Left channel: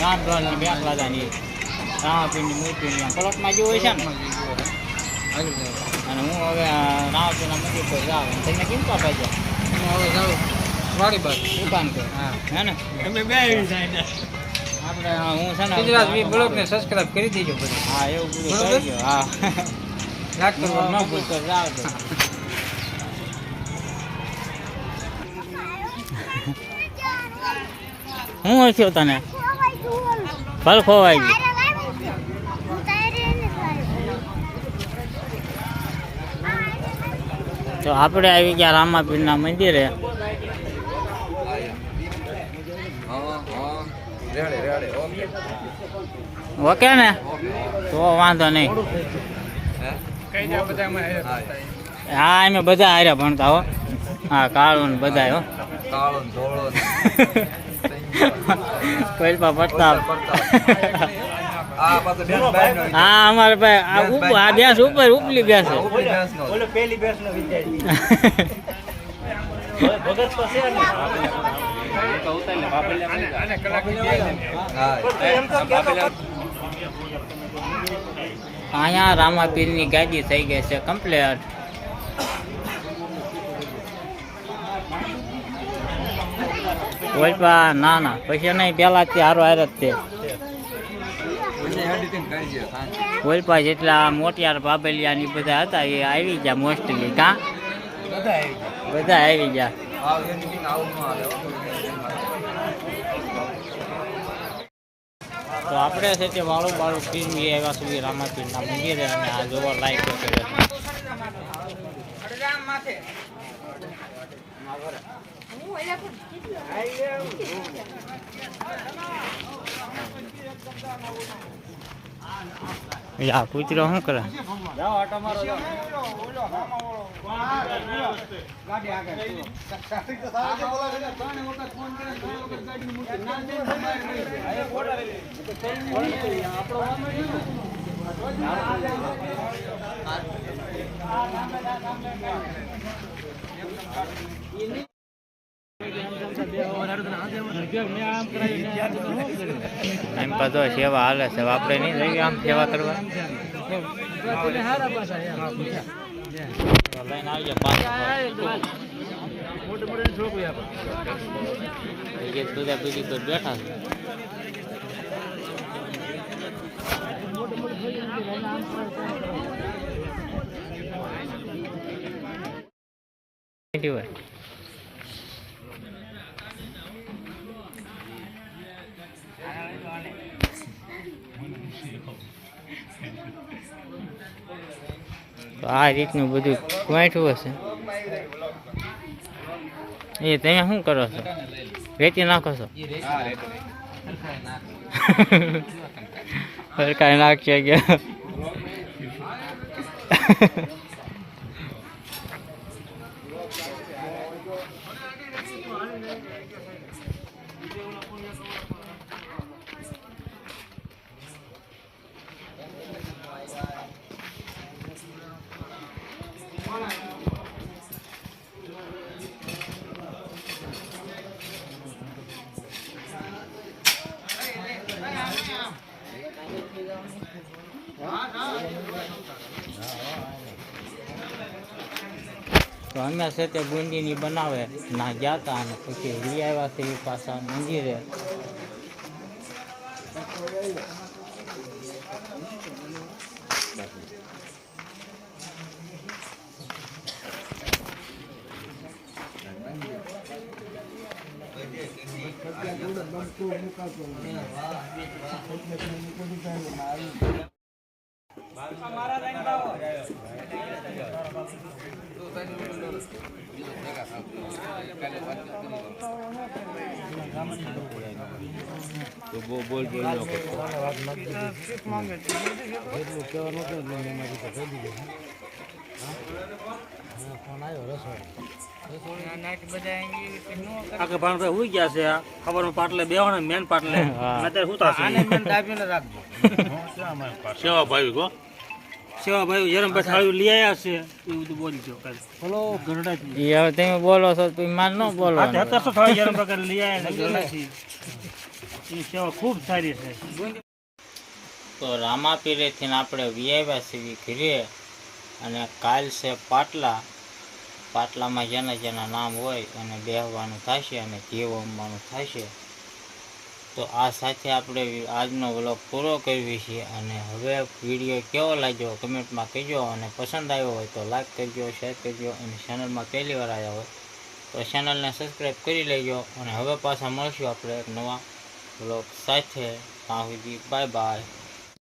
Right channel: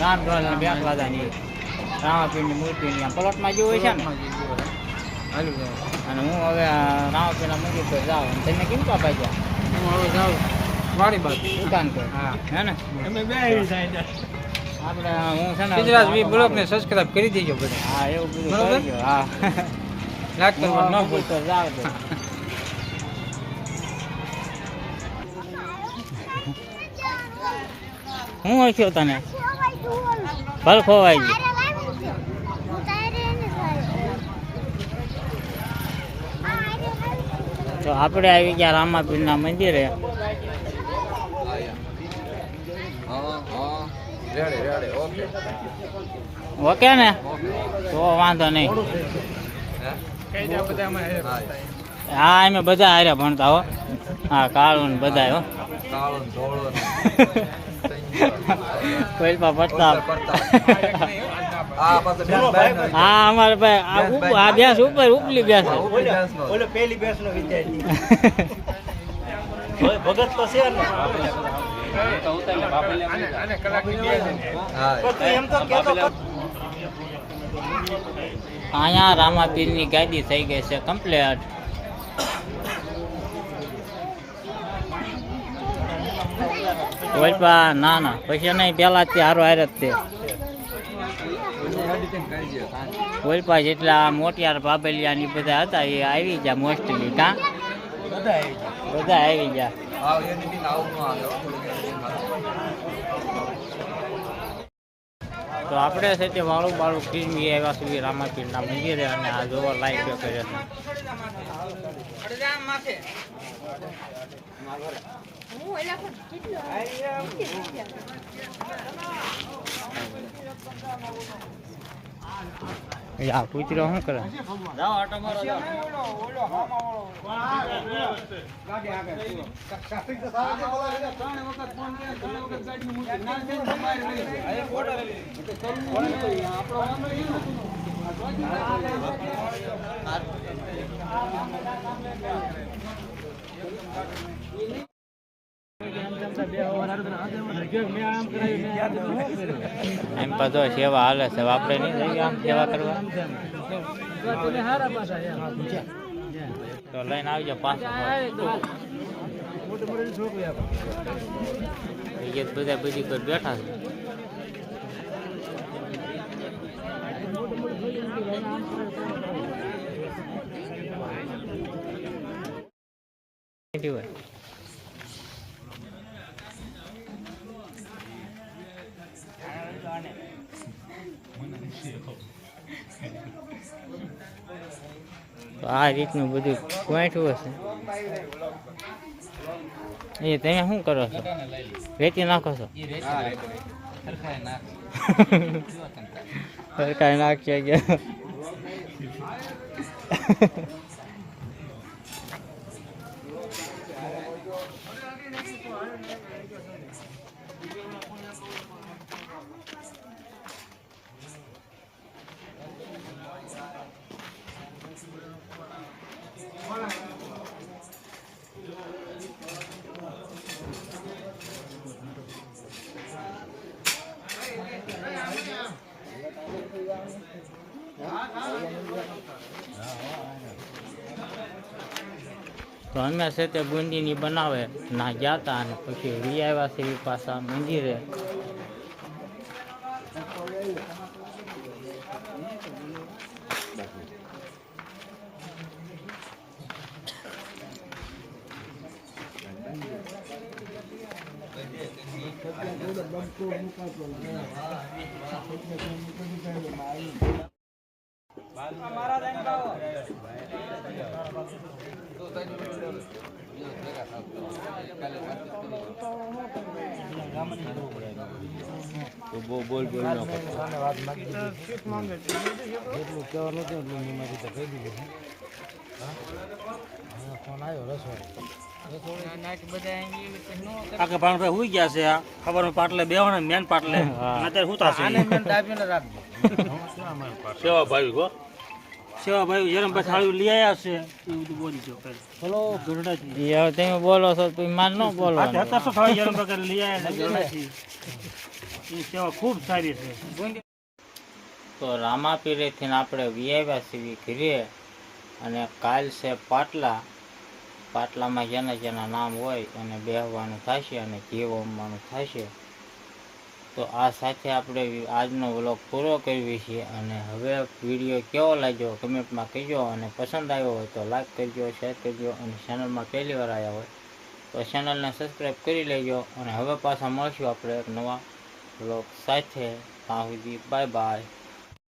રામધોન બેસવાદાની રામાપીરની મૂર્તિની આમ પલોટમાં જેવું હોય છે ને. અને હું હવે રામાપીરના મંદિર પર જાઉં. તમને કેમ પાપા ગયા? હું હવે જાઉં વાડી બાજુ દુકાન પર. હા હે ને તમે બે આપણે હું છે ને ગુજરાત બ્લોગને સબસ્ક્રાઇબ કરી દેજો બધું. હા એવું બધું કરી દો. હા મંદિર પર જાવ તો હું થયો તને ફળ ખોવાઈ ગયું. તો આપણે આવી ગયા રામાપીરના મંદિરે. ઓકે ને તો વાંધો નહીં. હા અમે બધા હારે ભણતા હો. હા કાળું બધા હો. પૈસા પડતા હા અમારે ભાઈ આ ભેંસ ઉપર ઉપલી ભેંસ પેલી બેસ નો વિદ્યાર્થી ભગત તો છે ને અહીંયા રામાપીરની ગાડી થઈ ગઈ છે કમ્પ્લીટ. ઓલપા ના ના પછી નહીં પેલા તે હારો હારે જ તે ઓલપા જેટલા મોટિયાર બાબલિયા ની બધા હતા એ આવી ગયા મોસ્ટલી. કાં બધા આવી ગયા. તો આપણે છે તે વાળું બાળું ફિલ્મી આવ્યા સુધી રામાપીરના મંદિરે અને આ જોવા લાયક કર્યો છે. યા કૂતરો શું કરે? એમ પાછો સેવા હાલે છે. આપણે નહીં જઈએ આમ સેવા કરવા. લઈને આવજો બધા બીજી પર બેઠા છે. તો આ રીતનું બધું વાંચ્યું હશે. એ તમે શું કરો છો? વેચી નાખો છો? સરકાર નાખશે ગયા. તો અમે છે તે બુંદીની બનાવે ના ગયા હતા અને પછી લઈ આવ્યા છે એ પાછા મંદિરે. બોલ હુઈ ગયા છે. ખબર પાટલે બેવાના મેન પાટલે અત્યારે શું થશે? સેવા ભાઈ ગો સેવા ભાઈ જરમ બઠાળ્યું લઈ આવ્યા છે એ બધું બોલી છો. બોલો ગરડા હવે તમે બોલો છો તો માન ન બોલો. જરમ પ્રકાર લઈ આવ્યા સેવા ખૂબ સારી છે. તો રામાપીરેથી આપણે વિયાવ્યા છીએ ઘરે અને કાલ છે પાટલા. પાટલામાં જેના જેના નામ હોય અને બેહવાનું થશે અને ઘી હોમવાનું થશે. તો આ સાથે આપણે આજનો વ્લોગ પૂરો કરવી છે. અને હવે વિડીયો કેવો લાગ્યો કમેન્ટમાં કહેજો અને પસંદ આવ્યો હોય તો લાઈક કરજો, શેર કરજો અને ચેનલમાં પહેલી વાર આવ્યા હોય તો ચેનલને સબસ્ક્રાઈબ કરી લેજો. અને હવે પાછા મળશું આપણે એક નવા વ્લોગ સાથે. ત્યાં સુધી બાય બાય.